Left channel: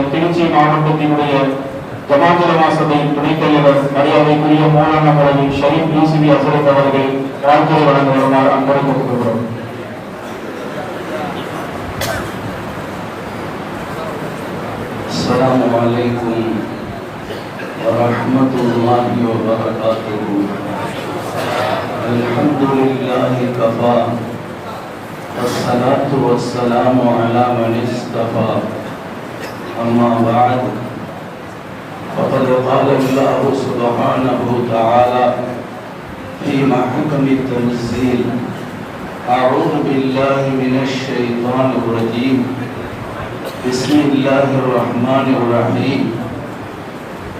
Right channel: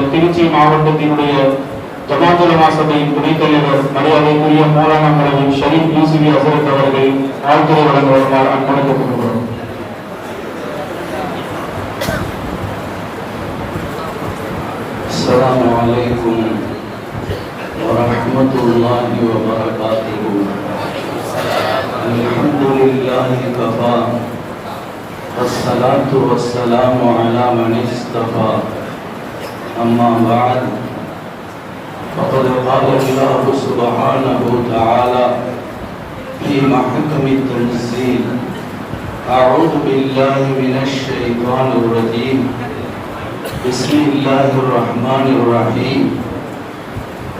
திருச்சி மாவட்டத்தினுடைய ஜமாத்துல் மாசபையின் துணைத் தலைவர் மரியாதைக்குரிய மோலானா மரவி ஷரீப் யூசுவி அசரத் அவர்கள் வாழ்த்துறை வழங்க வருமாறு அன்பளிக்கப்பட்டுள்ளனர் السلام عليكم ورحمة الله وبركاته الحمد لله كفى والصلاة والسلام على من اصطفى أما بعد فقد قال الله سبحانه وتعالى في محكم التنزيل أعوذ بالله من الشيطان الرجيم بسم الله الرحمن الرحيم.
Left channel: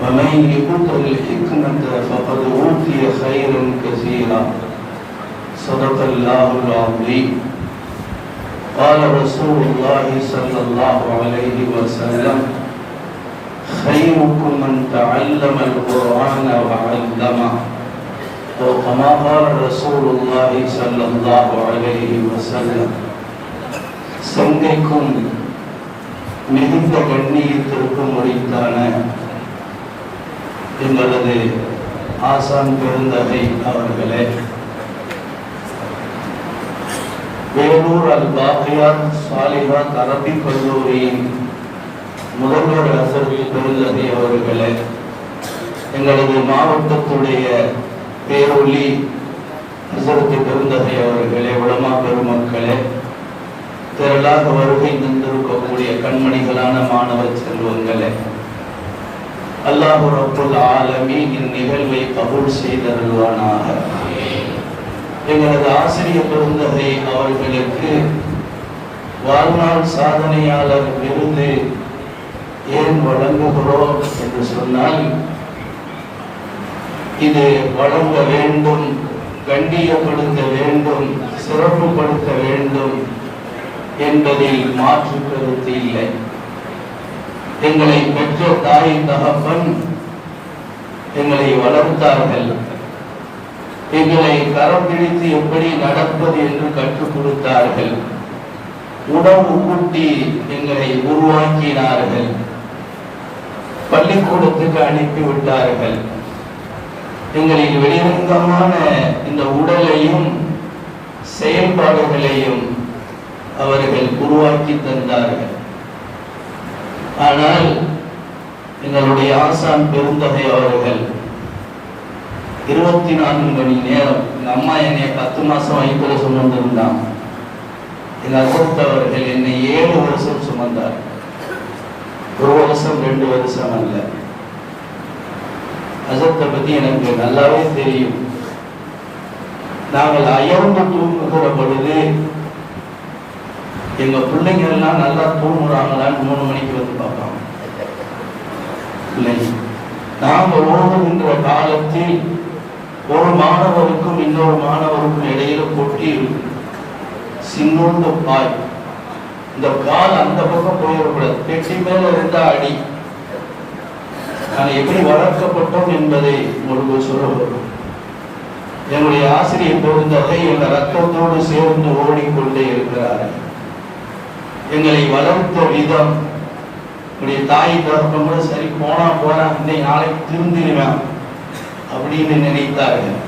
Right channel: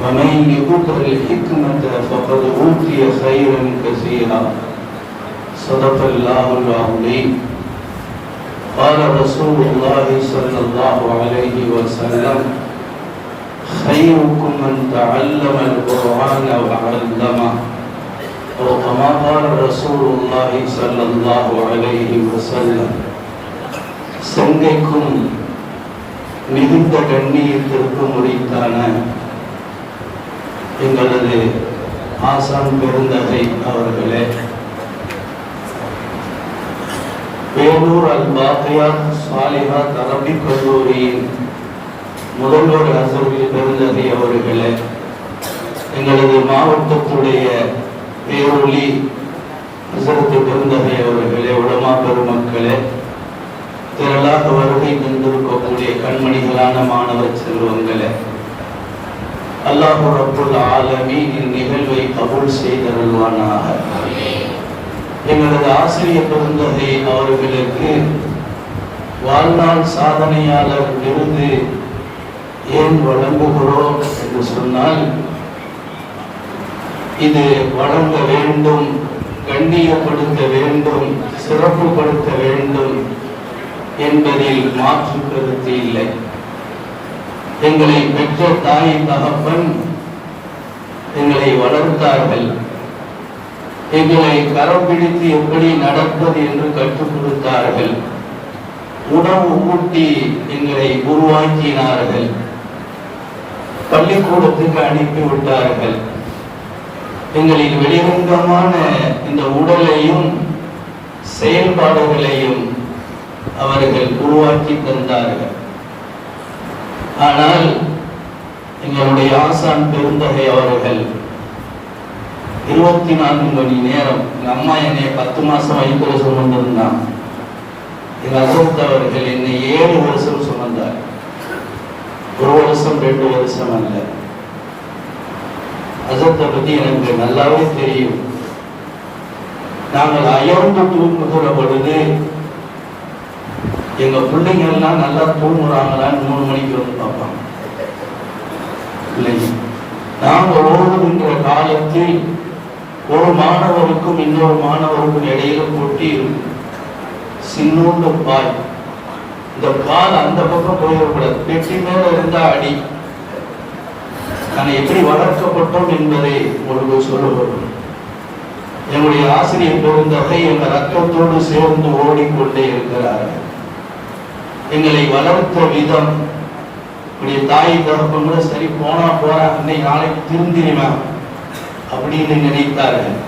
ومن يؤت الحكمة فقد أوتي خيرا كثيرا. صدق الله العظيم. قال رسول الله صلى الله عليه وسلم خيركم من تعلم القرآن وعلمه وكما قال رسول الله صلى الله عليه وسلم சங்கைக்கும் மிகுந்த கண்ணியத்திற்கும் உரித்தான எங்களது ஆசான் பெருந்தகை அவர்களே வேலூர் அல் பாக்கியார் சாலிஹா அரபி கல்லூரியின் முதல்வர் அசர்வி பெருந்தகை அவர்களே எங்களது மாவட்டத்துடைய பேரொலி அசரத்து பெருந்தகை அவர்களே உலமா பெருமக்களே திரளாக வருகை நின்றிருக்கக்கூடிய கண்மணிகளான மாணவ செல்வங்களே அல்லாஹு அப்துல் ஆலமி இந்நிகழ்வை கபூல் செய்தருள்வானாக. எங்களது ஆசிரியர் பெருந்தகை அவர்களுக்கு வாழ்நாள் சாதனையாளர் விருது ஏன் வழங்குகிறோம் என்று சொன்னால் இது வழங்க வேண்டும் கண்ணியப்படுத்த வேண்டும் சிறப்புப்படுத்த வேண்டும் என்பதில் மாற்று கருத்து இல்லை. எங்களை பெற்ற தாய் தகப்பன் எங்களை வளர்த்தார்கள். எங்களை கரம் பிடித்து எப்படி நடப்பது என்று கற்றுக் கொடுத்தார்கள். உணவு ஊட்டி எங்களை உருவாக்கினார்கள். பள்ளிக்கூடத்துக்கு அனுப்பி விட்டார்கள். எங்களின் வெளிரங்கமான இந்த உடலையும் செயல்பாடுகளையும் அவர்கள் உருவாக்கி தந்தார்கள். ஆனால் எங்களுடைய ஆசான் பெருந்தகை அவர்கள் இருபத்தி நான்கு மணி நேரம். எங்கள் அம்மா என்னை பத்து மாசம் வயிற்றுல சுமந்திருந்தான். எங்க அசோக் அவர்கள் என்னை ஏழு வருஷம் சுமந்தார். ஒரு வருஷம் ரெண்டு வருஷம் அல்ல. அசத்தை பத்தி எனக்கு நல்லாவே தெரியும். நாங்கள் அயர்ந்து தூங்குகிற பொழுது எங்க பிள்ளைங்க எல்லாம் நல்லா தூங்குறாங்களான்னு மூணு மணிக்கு வந்து பார்ப்போம் பிள்ளைங்க. நாங்க ஓடுகின்ற காலத்தில் ஒரு மாணவருக்கும் இன்னொரு மாணவருக்கும் இடையில போட்டி சின்னோண்டு பாய். இந்த கால் அந்த பக்கம் போயிடக்கூடாது. பெட்டி மேல இருந்தா அடி. நான் எப்படி வளர்க்கப்பட்டோம் என்பதை உங்களுக்கு சொல்லுவது என்னுடைய ஆசிரியர் பெருந்தகை எங்க ரத்தத்தோடு சேர்ந்து ஓடிக்கொண்டே இருக்கிறார். எங்களை வளர்த்த விதம் இப்படி தாய் தகப்பன் கூட சரி போனா போனா இன்னைக்கு நாளைக்கு திருந்திடுவேன். அப்படின்னு நினைத்தார்கள்.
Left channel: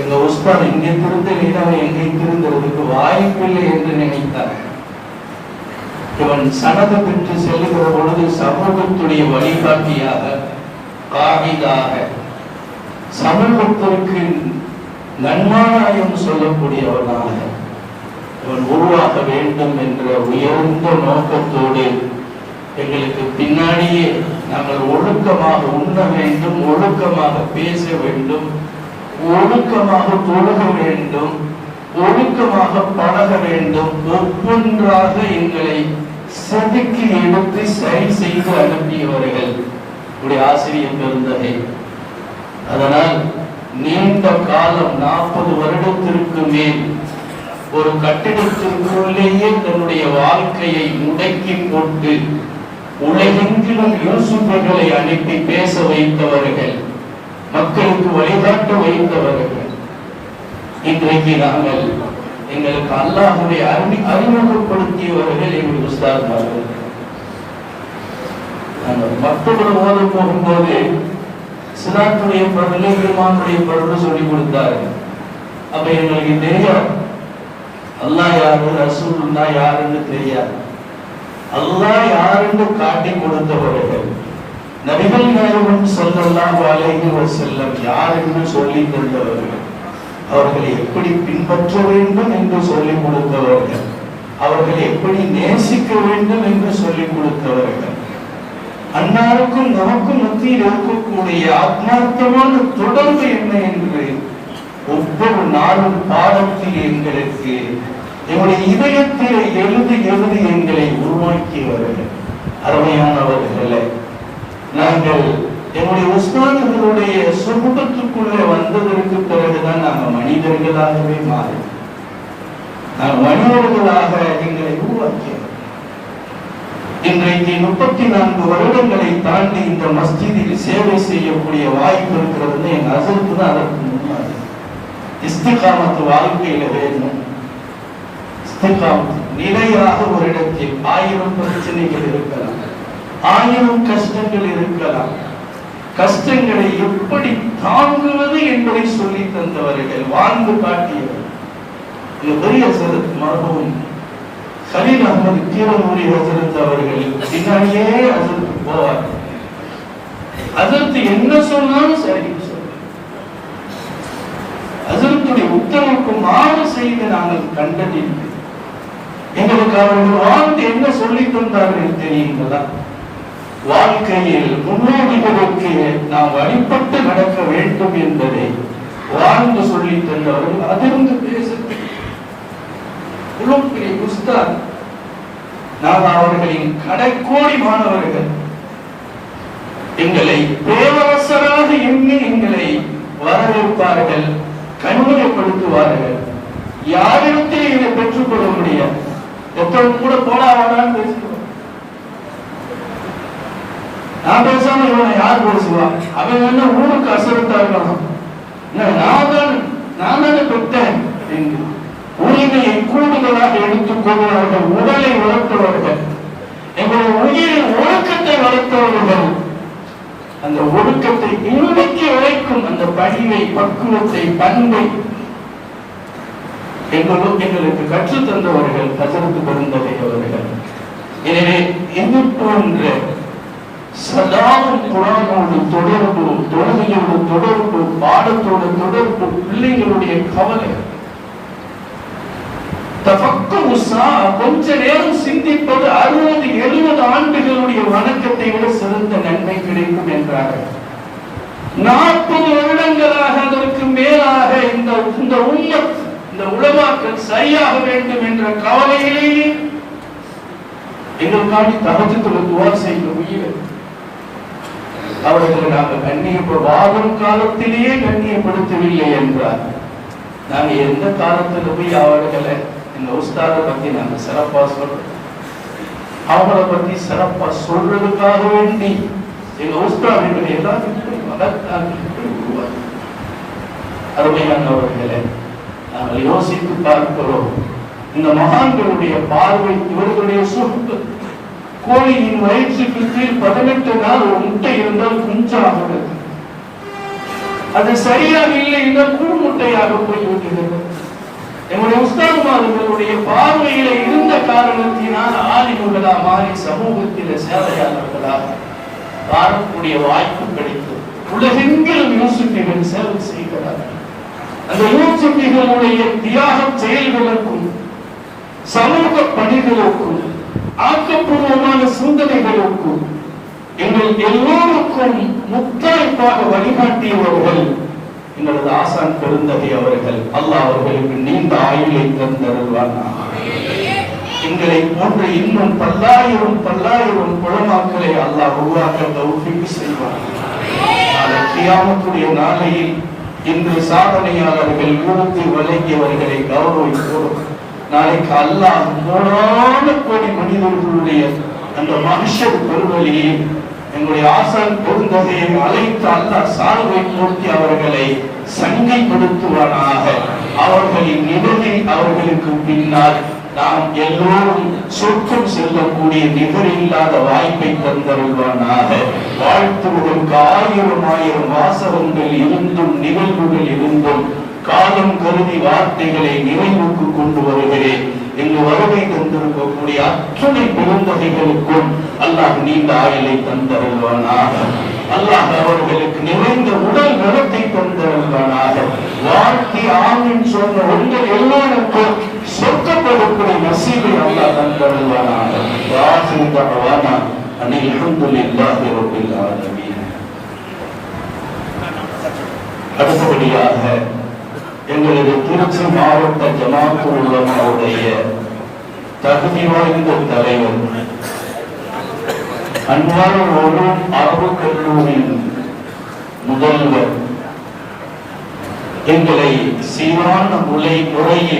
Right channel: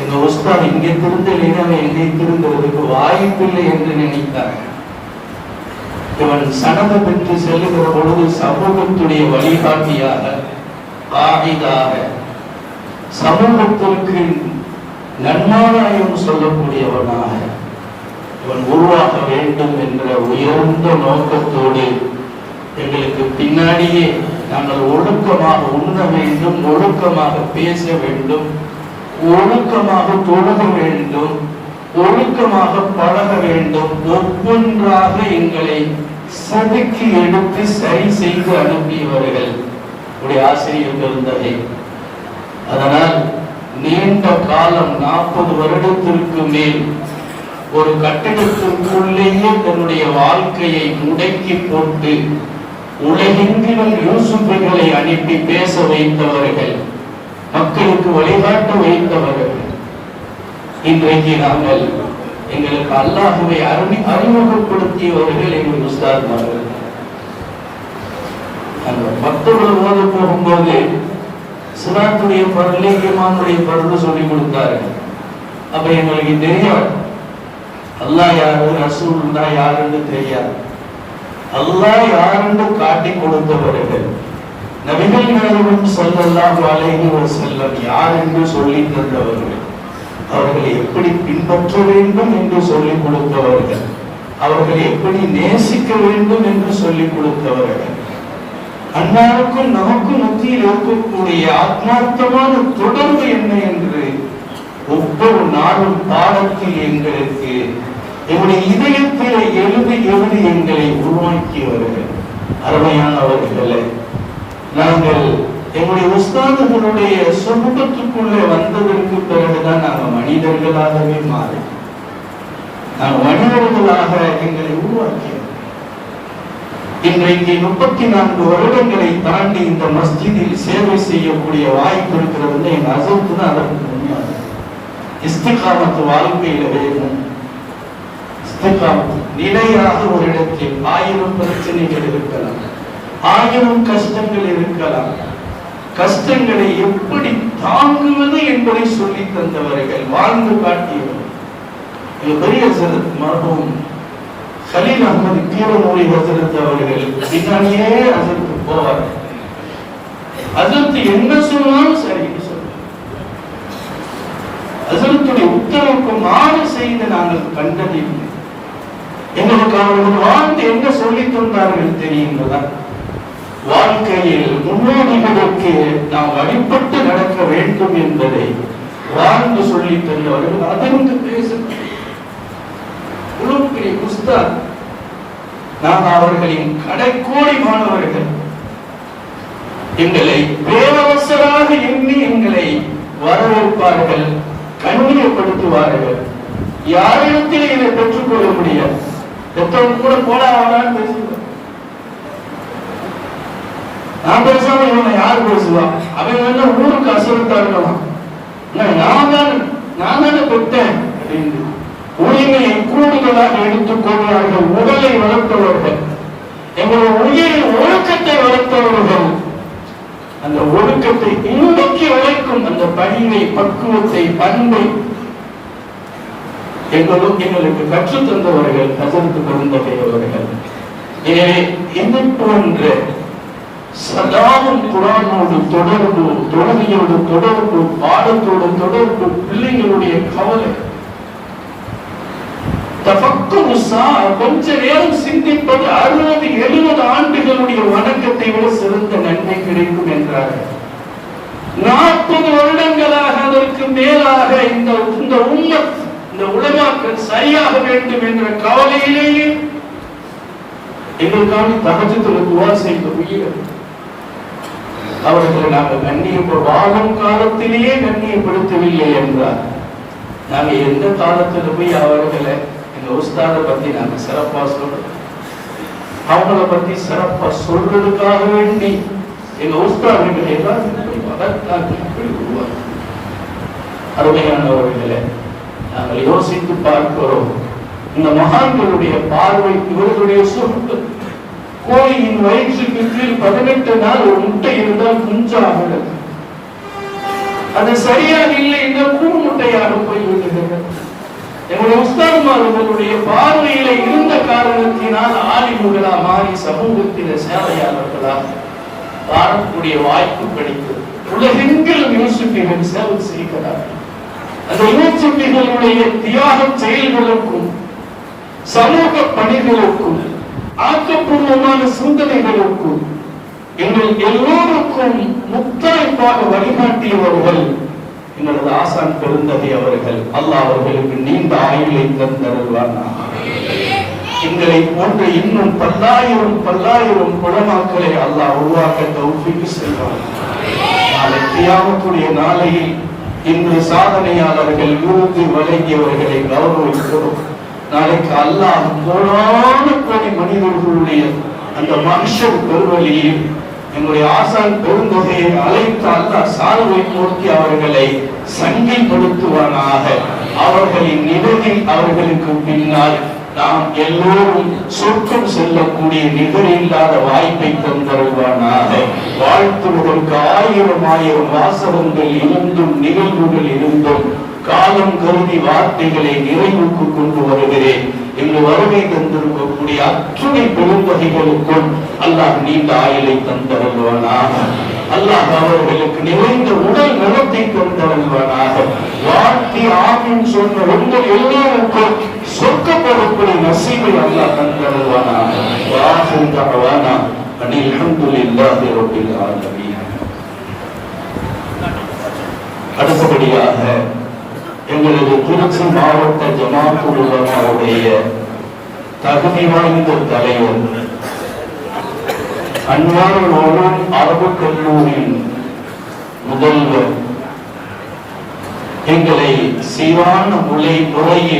எங்க உஸ்தாத் இங்கே திருந்தலைன்னா அவன் எங்கே திருந்துறதுக்கு வாய்ப்பில்லை என்று நினைத்தார்கள். இவன் சனது பெற்று செல்லுகிற பொழுது சமூகத்துடைய வழிகாட்டியாக காவிதாக சமூகத்திற்கு நன்மாராயம் சொல்லக்கூடியவனாக இவன் உருவாக வேண்டும் என்ற உயர்ந்த நோக்கத்தோடு எங்களுக்கு பின்னாடியே நாங்கள் ஒழுக்கமாக உண்ண வேண்டும் ஒழுக்கமாக பேச வேண்டும் ஒழுக்கமாக தொழுக வேண்டும் ஒழுக்கமாக பழக வேண்டும் ஒவ்வொன்றாக எங்களை சதுக்கி எடுத்து சரி செய்து அனுப்பியவர்கள் உடைய ஆசிரியர் பெருந்தகை. அதனால் நீண்ட காலம் நாற்பது வருடத்திற்கு மேல் ஒரு கட்டிடத்திற்குள்ளேயே தன்னுடைய வாழ்க்கையை முடக்கி போட்டு உலகெங்கிலும் யூசுப்புகளை அனுப்பி பேச வைத்தவர்கள் மக்களுக்கு வழிகாட்ட வைத்தவர்கள். இன்றைக்கு நாங்கள் எங்களுக்கு அல்லாஹுவை அறி அறிமுகப்படுத்தியவர்கள் எங்கள் உஸ்தாத்மார்கள். அந்த பக்தர்கள் ஓத போகும்போது சிலாத்துடைய பரலை இமாமுடைய பருவ சொல்லி கொடுத்தார்கள். அப்ப எங்களுக்கு தெரியும் அல்லாஹ் யாரு? ரசூலுல்லா யாருன்னு தெரியாது. அல்லாஹ் யாருன்னு காட்டி கொடுத்தவர்கள் நபிகள் நாயகம் ஸல்லல்லாஹு அலைஹி வஸல்லம் யார் என்று சொல்லி தந்தவர்கள் அவர்களை எப்படி பின்பற்ற வேண்டும் என்று சொல்லிக் கொடுத்தவர்கள் அவர்களை எப்படி நேசிக்க வேண்டும் என்று சொல்லிக் கொடுத்தவர்கள். அன்னாருக்கும் நமக்கும் மத்தியில் இருக்கக்கூடிய ஆத்மார்த்தமான தொடர்பு என்ன என்று ஒவ்வொரு நாளும் பாடத்தில் எங்களுக்கு எங்களுடைய இதயத்தில் எழுதி எழுதி எங்களை உருவாக்கியவர்கள். அருமையானவர்களை நாங்கள் எங்களுடைய உஸ்தாதுகளுடைய சுமூகத்துக்குள்ளே வந்ததற்கு பிறகுதான் நாங்கள் மனிதர்களாகவே மாறி நாங்கள் மனிதர்களாக எங்களை உருவாக்கியோம் இன்றைக்கு முப்பத்தி நான்கு வருடங்களை தாண்டி இந்த மஸ்ஜிதில் சேவை செய்யக்கூடிய வாய்ப்பு இருக்கிறது எங்க அசத்து தான் அதற்கு முன்னாடி இஸ்திகாமத்து வாழ்க்கையில வேணும் இஸ்திகாமத்து நிலையாக ஒரு இடத்தில் ஆயிரம் பிரச்சனைகள் இருக்கலாம். ஆயிரம் கஷ்டங்கள் இருக்கலாம். கஷ்டங்களை எப்படி தாங்குவது என்பதை சொல்லி தந்தவர்கள் வாழ்ந்து காட்டியவர். பெரிய மரபும். கலீல் அகமது கீழமொழி ஹசரத் அவர்கள் பின்னாடியே ஹசரத்து போவார்கள் ஹசரத் என்ன சொன்னாலும் சரி ஹசரத்துடைய உத்தரவுக்கு மாறு செய்து நாங்கள் கண்டதில்லை. எங்களுக்கு அவர்கள் வாழ்ந்து என்ன சொல்லி தந்தார்கள் தெரியுங்களா? வாழ்க்கையில் முன்னோடிகளுக்கு நாம் வழிபட்டு நடக்க வேண்டும் என்பதை வாழ்ந்து சொல்லி தந்தவர்கள் அதிர்ந்து பேச உஸ்தாத். நாம் அவர்களின் கடைக்கோடி மாணவர்கள். எங்களை பேரரசராக எண்ணி எங்களை வரவேற்பார்கள் கண்ணியப்படுத்துவார்கள் யாரிடத்தில் இதை பெற்றுக்கொள்ள முடியாது? எத்தனை கூட போடா வாடான்னு பேசுவார் நான் பேசாம இவனை யார் பேசுவா? அவன் என்ன ஊருக்கு அசரத்தா இருக்கலாம் நான் தான் நான் தானே பெற்றேன் அப்படின்னு உரிமையை கூடுதலாக எடுத்துக்கொள்வார்கள் உடலை வளர்த்தவர்கள். எங்களுடைய உயிரின் ஒழுக்கத்தை வளர்த்தவர்கள். அந்த ஒழுக்கத்தை இன்னைக்கு உழைக்கும் அந்த பணிவை பக்குவத்தை பண்பை எங்களும் எங்களுக்கு கற்றுத் தந்தவர்கள் கசந்து பிறந்தவர்கள் எனவே இது போன்ற சதாவும் குரானோடு தொடர்பு தொழுகையோடு தொடர்பு பாடத்தோடு தொடர்பு பிள்ளைகளுடைய கவலை. கொஞ்ச நேரம் சிந்திப்பது அறுபது எழுபது ஆண்டுகளுடைய வணக்கத்தை விட சிறந்த நன்மை கிடைக்கும் என்றார்கள். நாற்பது வருடங்களாக அதற்கு மேலாக இந்த இந்த உம்மத் இந்த உலமாக்கள் சரியாக வேண்டும் என்ற கவலையிலேயே எங்களுக்காண்டி தகஜத்தில் துவா செய்த உயிர் அவர்களை நாங்கள் கண்ணியப்ப வாழும் காலத்திலேயே கண்ணியப்படுத்தவில்லை என்றார். நாங்கள் எந்த காலத்தில் போய் அவர்களை எங்க உஸ்தாத பத்தி நாங்கள் சிறப்பா சொல்றோம்? அவங்கள பத்தி சிறப்பா சொல்றதுக்காக வேண்டி எங்க உஸ்தாதிகளை எல்லாத்தையும் போய் மகத்தாக்கள் போய் உருவாக்கி. அருமையானவர்களே நாங்கள் யோசித்து பார்க்கிறோம். இந்த மகான்களுடைய பார்வை இவர்களுடைய சொத்து கோழியின் வயிற்றுக்கு கீழ் பதினெட்டு நாள் ஒரு முட்டை இருந்தால் குஞ்சாகிறது அது சரியாக இல்லை என்றால் கூடு முட்டையாக போய்விடுகிறது. எங்களுடைய உஸ்தான்மார்களுடைய பார்வையில இருந்த காரணத்தினால் ஆலிமுகளா மாறி சமூகத்தில சேவையாளர்களாக வாழக்கூடிய வாய்ப்பு கிடைக்கும் உலகெங்கிலும் யூசுஃபிகள் சேவை செய்கிறார்கள். அந்த யூசுஃபிகளுடைய தியாகம் செயல்களுக்கும் சமூக பணிகளுக்கும் ஆக்கப்பூர்வமான சிந்தனைகளுக்கும் எங்கள் எல்லோருக்கும் முத்தரைப்பாக வழிகாட்டியவர்கள் எங்களது ஆசான் பெருந்தகை அவர்கள். அல்லாஹ் அவர்களுக்கு நீண்ட ஆயுளை தந்தருள்வார் எங்களை போன்ற இன்னும் பல்லாயிரம் பல்லாயிரம் குளமாக்களை அல்லாஹ் உருவாக்க தௌஃபிக்கு செல்வார் நாளை தியாகத்துடைய நாளையில் இன்று சாதனையாளர்கள் விருது வழங்கியவர்களை கௌரவிக்கிறோம். நாளைக்கு அல்லாஹ் கோடான கோடி மனிதர்களுடைய அந்த மனுஷர் பெருவழியில் எங்களுடைய ஆசான் பெருந்தகையை அழைத்து அல்லாஹ் சால்வை நோக்கி அவர்களை சங்கைப்படுத்துவானாக. அவர்களின் நிலையில் அவர்களுக்கு பின்னால் நாம் எல்லோரும் சொர்க்கம் செல்லக்கூடிய நிகரில்லாத வாய்ப்பை தந்தருள்வானாக வாழ்த்துவதற்கு ஆயிரம் ஆயிரம் வாசகங்கள் இருந்தும் நிகழ்வுகள் இருந்தும் காலம் கருதி வார்த்தைகளை நிறைவுக்கு கொண்டு வருகிறேன். இங்கு வருகை தந்திருக்கக்கூடிய அத்துணை பெருந்தகைகளுக்கும் அல்லாஹ் நீண்ட ஆயுளை தந்தருள்வானாக. அல்லாஹ் அவர்களுக்கு நிறைந்த உடல் நலத்தை தந்தருள்வானாக. வாழ்க்கை ஆகும் சொன்ன உங்கள் எல்லாருக்கும் சொர்க்கப்படக்கூடிய நசீபில் அல்லாஹ் தந்தருள்வானாக. வாஹிரு தஅவானா அனில் அல்ஹம்துலில்லாஹி ரப்பில் ஆலமீன். அடுத்தபடியாக எங்களது திருச்சி மாவட்ட ஜனாத்து உலமாவுடைய தகுதி வாய்ந்த தலைவர் அன்பான ஓரும் அரபு கல்லூரியின் முதல்வர் எங்களை சீரான முறை முறையில்